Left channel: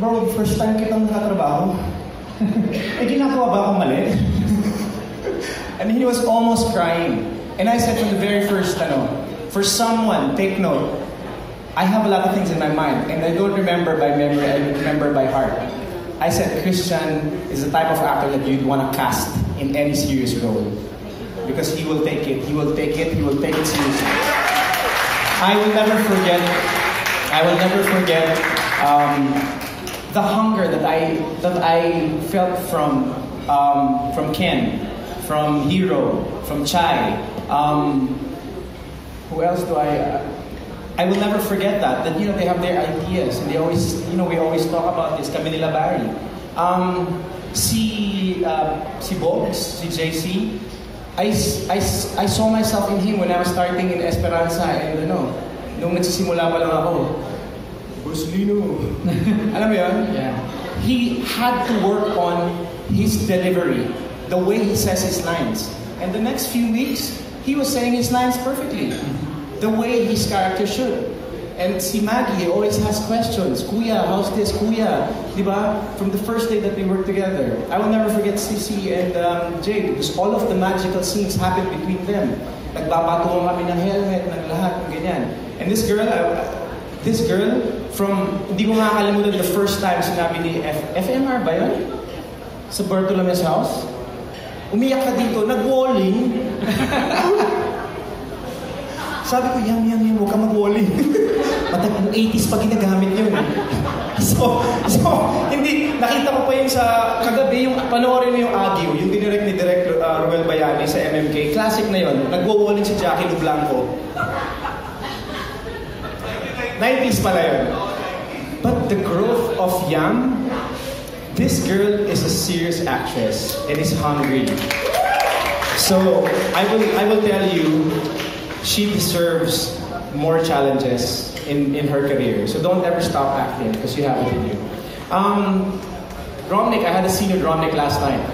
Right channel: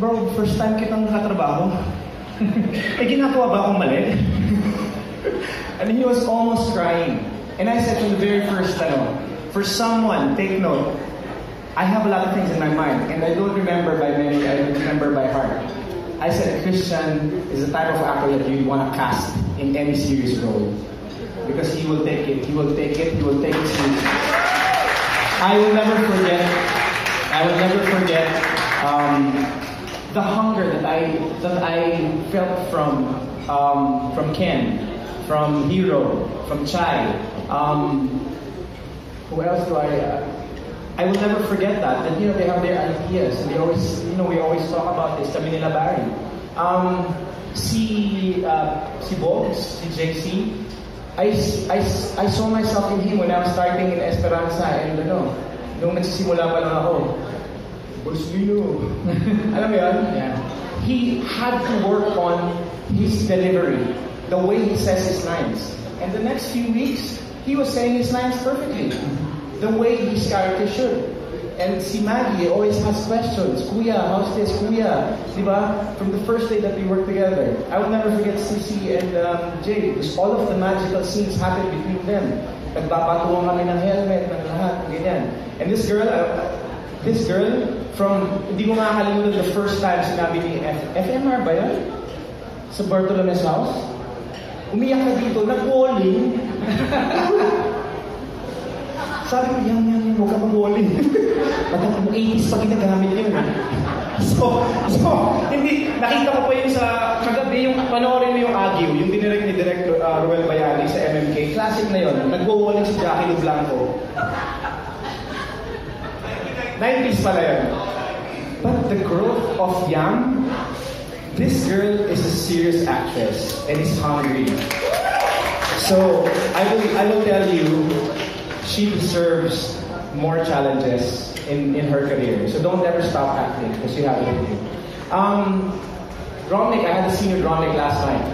bro, first time kitang nakatrabaho. eh, ginagawa ba akong mali? and he was almost crying. And I said from the very first, ano, for someone, take note, I have a lot of things in my mind, and I don't remember by memory, I don't remember by heart. I said Christian is the type of actor that you'd want to cast in any serious role. Because he will take it, he will take it, he will take it seriously. I will never forget, I will never forget the hunger that I that I felt from um, from Ken, from Hero, from Chai. Um, who else do I? I will never forget that. That you know they have their ideas and they always you know we always talk about this. Kami nila Barry. Um, si uh, si Boggs, si JC. I, I, I saw myself in him when I was starting in Esperanza and ano, nung nagsisimula pa lang ako, Bruce Lee no. Alam mo yun? Yeah. He had to work on his delivery, the way he says his lines. And the next few weeks, he was saying his lines perfectly, the way his character should. And si Maggie always has questions. Kuya, how's this? Kuya, di ba? From the first day that we worked together. I will never forget Sissy and um, Jay because all of the magical scenes happened between them. Nagpapatungan kami ng helmet, ng lahat, ng ganyan. And this girl, uh, this girl, from, hindi ko makakalimutan the first time sinabi ni F FMR ba yun? Sa Bartolome's house? Umiyak ka dito, nag-walling. Sabi ko, yan, yan, yan, huwag ka mag-walling. Matag 80s pa ginagamit yun. So, so, hindi, nakita mo pa yung sa kagabi, yung panoorin mo yung Agio, yung dinirect ni Direct uh, Roel Bayani sa MMK. Classic na yun. Nag-walling si Jackie Lublanco. 90s pala yun. But the growth of Yam, this girl is a serious actress and is hungry. So I will I will tell you, she deserves more challenges in, in her career. So don't ever stop acting because you have it in you. Um, Romnick, I had a with Romnick last night.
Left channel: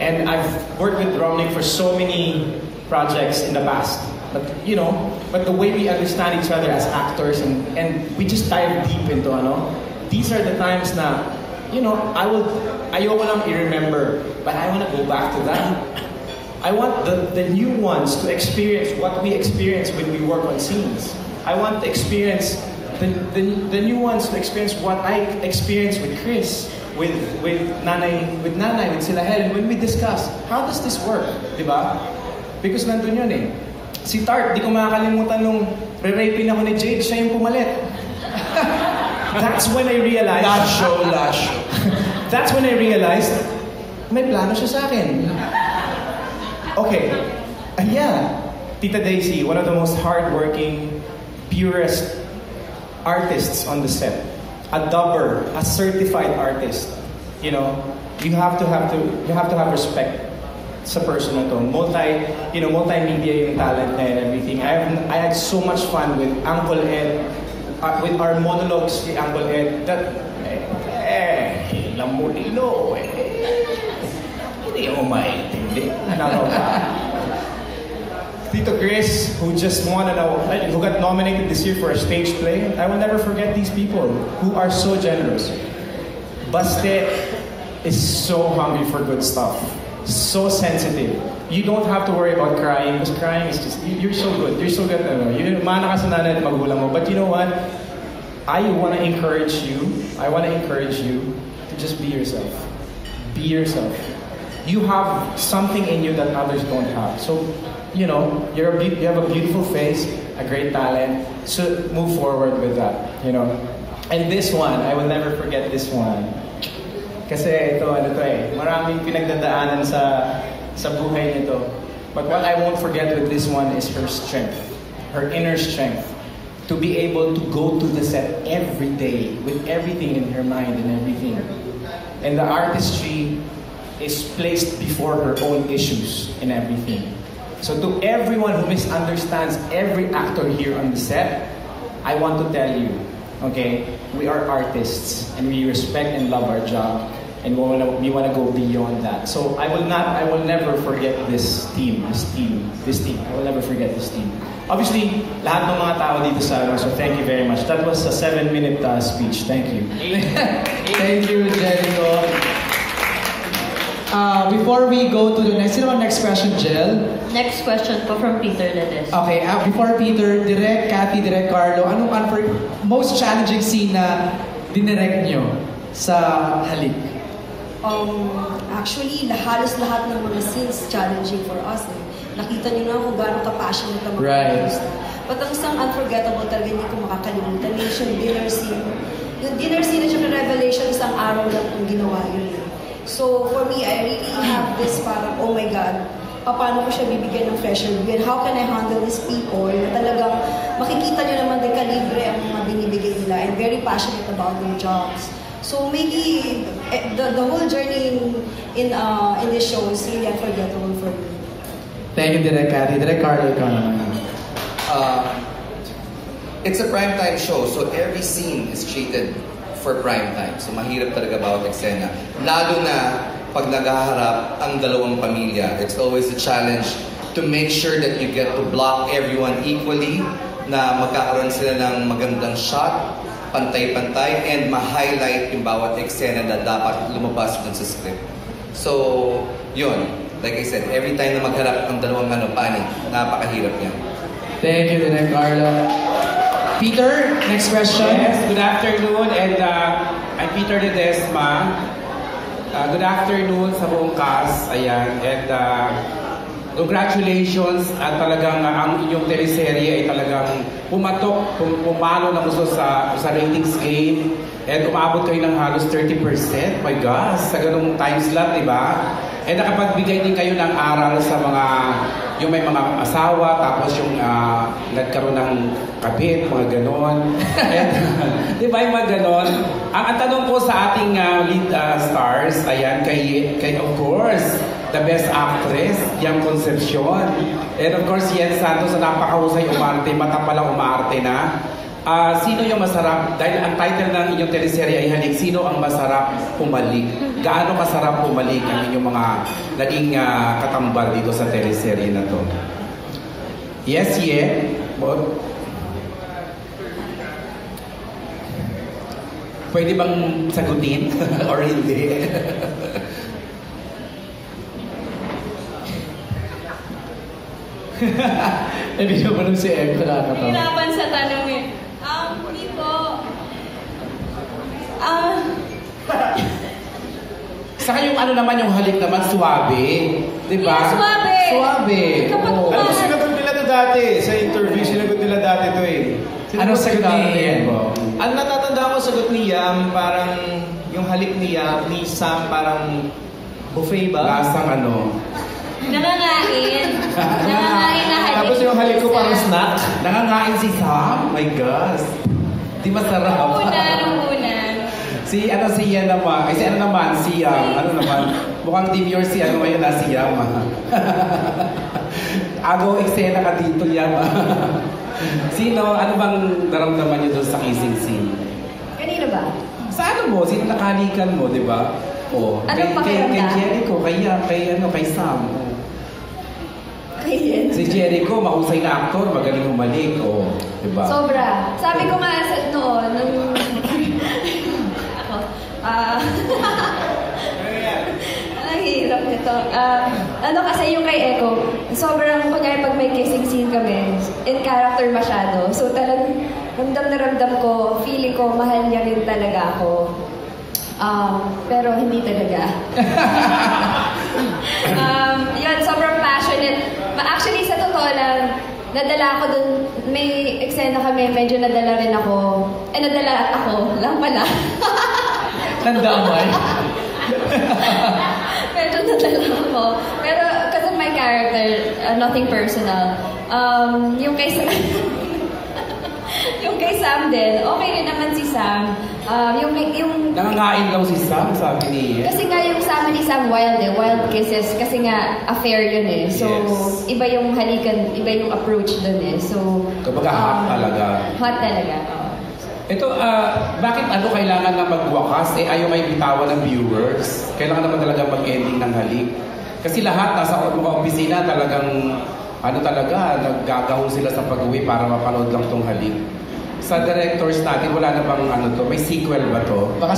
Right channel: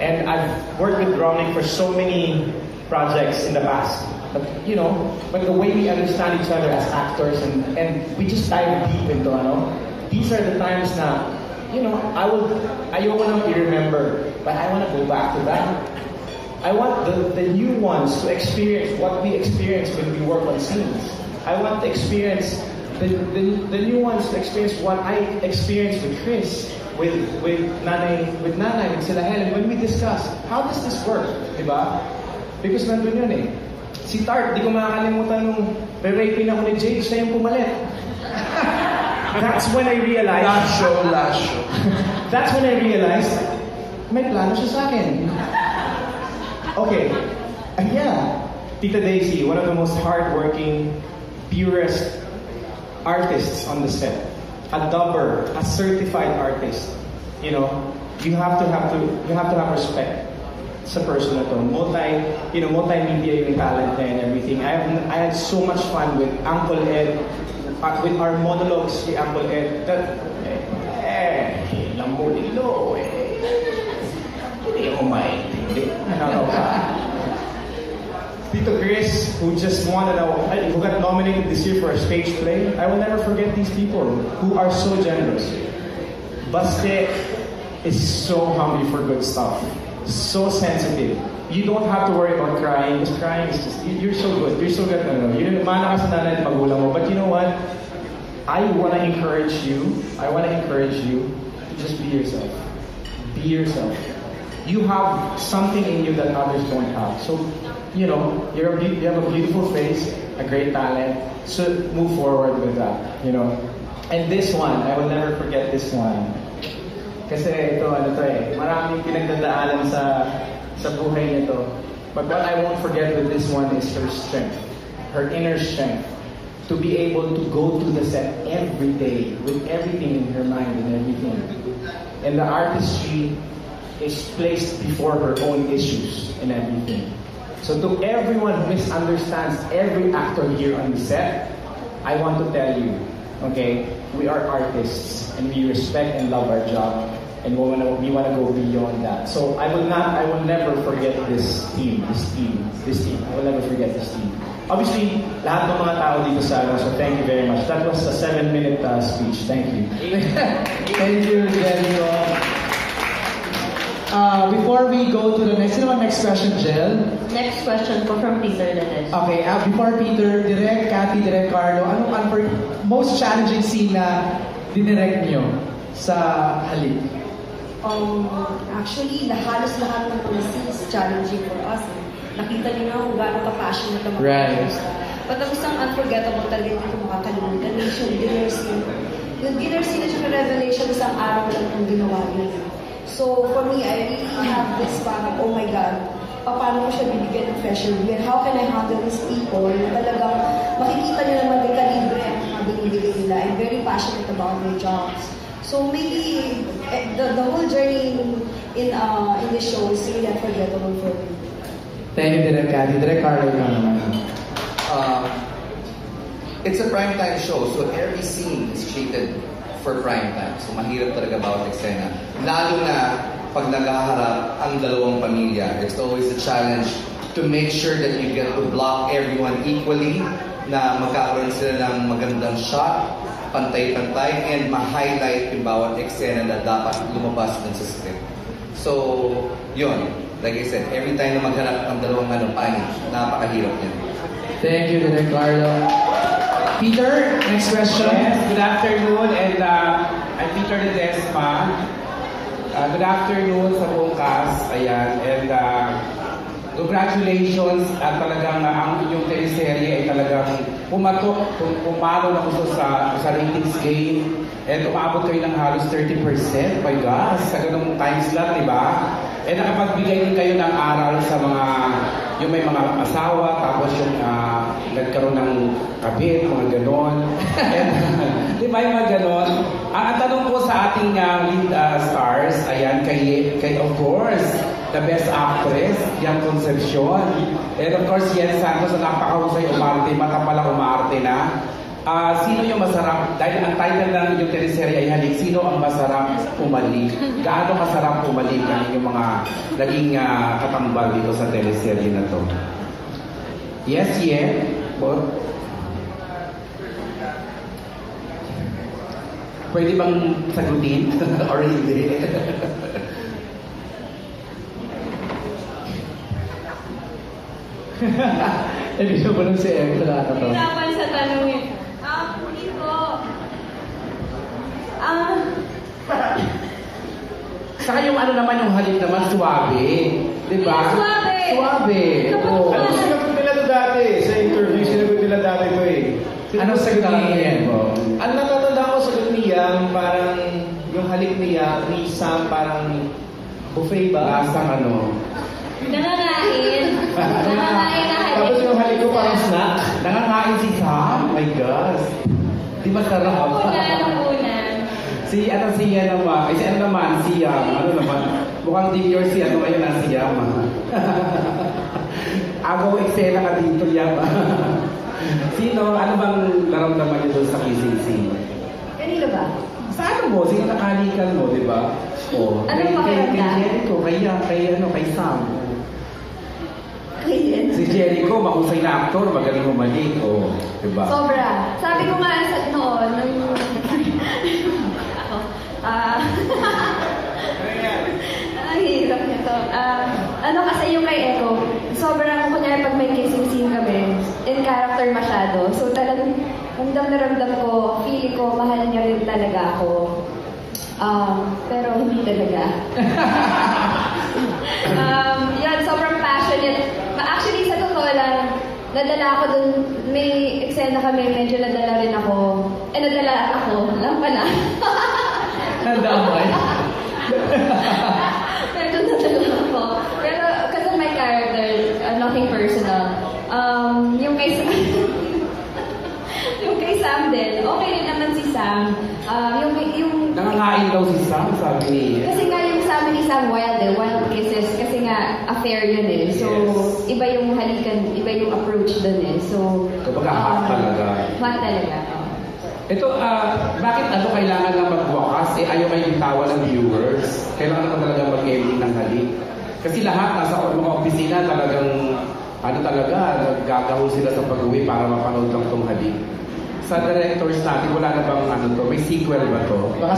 And I've worked with Romnick for so many projects in the past. But you know, but the way we understand each other as actors and, and we just dive deep into ano, these are the times na, you know, I would ayoko lang i-remember, but I want to go back to that. I want the, the new ones to experience what we experience when we work on scenes. I want to experience the, the, the new ones to experience what I experienced with Chris, with with Nanay, with Nanay, with Sila Helen, when we discuss how does this work, di ba? Because nandun yun eh. Si Tart, di ko makakalimutan nung re-raping ako ni Jade, siya yung pumalit. That's when I realized... Last show, last show. That's when I realized, may plano siya sa akin. Okay, and yeah, Tita Daisy, one of the most hardworking, purest artists on the set. A dubber, a certified artist. You know, you have to have to you have to have respect sa person na to. Multi, you know, multimedia yung talent and everything. I, have, I had so much fun with Uncle Ed, uh, with our monologues with Uncle Ed. That, eh, eh, lamulilo, eh. Hindi mo maintindihan. Tito Chris, who just won, a, who got nominated this year for a stage play. I will never forget these people who are so generous. Baste is so hungry for good stuff, so sensitive. You don't have to worry about crying because crying is just you're so good. You're so good. Ano, you didn't mo. But you know what? I want to encourage you. I want to encourage you to just be yourself. Be yourself. You have something in you that others don't have. So, you know, you're a, you have a beautiful face, a great talent. So move forward with that. You know. And this one, I will never forget this one. Kasi ito, ano to eh, maraming pinagdadaanan sa sa buhay nito. But what I won't forget with this one is her strength, her inner strength. To be able to go to the set every day with everything in her mind and everything. And the artistry is placed before her own issues and everything. So to everyone who misunderstands every actor here on the set, I want to tell you, okay, we are artists and we respect and love our job and we want to we want to go beyond that. So I will not I will never forget this team, this team, this team. I will never forget this team. Obviously, lahat ng mga tao dito sa so thank you very much. That was a seven-minute uh, speech. Thank you. Thank you, Jericho. Uh, before we go to the next, you know, next question, Jel. Next question po from Peter Ledes. Okay, uh, before Peter, direct Cathy, direct Carlo, ano ang for most challenging scene na dinirect nyo sa halik? Um, actually, halos lahat ng mga scenes challenging for us. Eh. Nakita niyo na kung gaano ka-passionate ang mga Right. But ang isang unforgettable talaga hindi ko makakalimutan is yung dinner scene. Yung dinner scene at yung revelation isang araw lang ang ginawa yun. So, for me, I really have this parang, oh my God, paano ko siya bibigyan ng fresher win? How can I handle these people na talagang makikita niyo naman din kalibre ang mga binibigay nila and very passionate about my jobs. So maybe the, the whole journey in in, uh, in the show is really unforgettable for me. Thank you, direct Cathy. Direct Carlo. Uh, it's a primetime show, so every scene is treated for primetime. So mahirap talaga bawat eksena. Lalo na pag naghaharap ang dalawang pamilya, it's always a challenge to make sure that you get to block everyone equally, na magkakaroon sila ng magandang shot, pantay-pantay, and ma-highlight yung bawat eksena na dapat lumabas dun sa script. So, yun. Like I said, every time na magharap ang dalawang ano, panig, napakahirap niya. Thank you, direct Carlo. Peter, next question. Yes, good afternoon and uh, I'm Peter Ledesma. Uh, good afternoon sa buong cast. Ayan, and uh, congratulations at talagang uh, ang inyong teleserye ay talagang pumatok, pum- pumalo na gusto sa, sa ratings game. And umabot kayo ng halos 30%. My gosh, sa ganung time slot, di ba? And nakapagbigay din kayo ng aral sa mga yung may mga asawa, tapos yung uh, nagkaroon ng kabit, mga ganon. And, di ba yung mga ganon? Ang, ang tanong po sa ating uh, lead uh, stars, ayan, kay, the best actress, Yang Concepcion. And of course, Yen Santos na napakahusay umarte, mata pala umarte na. Ah, sino yung masarap? Dahil ang title ng inyong teleserye ay Halik, sino ang masarap umalik? Gaano masarap umalik ang inyong mga naging ah, katambar dito sa teleserye na to? Yes, Yen? What? Pwede bang sagutin or hindi? Hindi ko pa si Eko na ako. Hirapan sa tanong eh. Um, hindi po. Ah, Saka yung ano naman yung halik naman, suwabe. Di ba? Yeah, suwabe. Suwabe. Kapag kumain. Ano sinagot nila to dati? Sa interview, sinagot nila dati to eh. Ano sagot ni Ian mo? Ang natatanda ko sagot ni Yam, parang yung halik ni Yam, ni Sam, parang buffet ba? Lasang ano. nangangain. Nangangain na halik. Tapos yung halik ko parang snack. Nangangain si Sam. My gosh. Di masarap. Nung una, nung una. Si ano si Ian naman. Kasi ano naman si Yam. Ano naman. Mukhang demure si ano ngayon na si Yam. ah. Agaw eksena ka dito Yam. Sino? Ano bang naramdaman niyo doon sa kissing scene? Kanino ba? Sa ano mo? Sino nakalikan mo, di ba? O, Ano kay, pa kay, kay? Jericho, kay, kay, ano, kay Sam. Kayen. Si Jericho, mahusay na aktor, magaling humalik. O, di ba? Sobra. Sabi ko nga Ako. Ah... Ang hirap nito. Ah, ano kasi yung kay Echo, sobrang kaya pag may kissing scene kami, in character masyado. So talagang ramdam na ramdam ko, feeling ko mahal niya rin talaga ako. Ah, pero hindi talaga. um, yun, sobrang passionate. But actually, sa totoo lang, nadala ako dun, may eksena kami, medyo nadala rin ako. Eh, nadala ako, lang pala. Tandaan mo ay. medyo nadala ako. Pero, kasi my character, uh, nothing personal. Um, yung kay Sam, yung kay Sam din, okay rin naman si Sam. Um, yung, yung, Nangangain daw si Sam, sabi ni Ian. kasi nga yung sa amin isang wild eh, wild kisses. Kasi nga, affair yun eh. So, Yes. iba yung halikan, iba yung approach dun eh. So, Kumbaga, hot talaga. hot talaga. Ito, ah, bakit ano kailangan Eh, ayaw may bitawan ng viewers. Kailangan naman talaga mag-ending ng halik. Kasi lahat nasa mga opisina talagang, ano talaga, naggagahol sila sa pag-uwi para mapanood lang tong halik. Sa directors natin, wala na bang ano to? May sequel ba to? Baka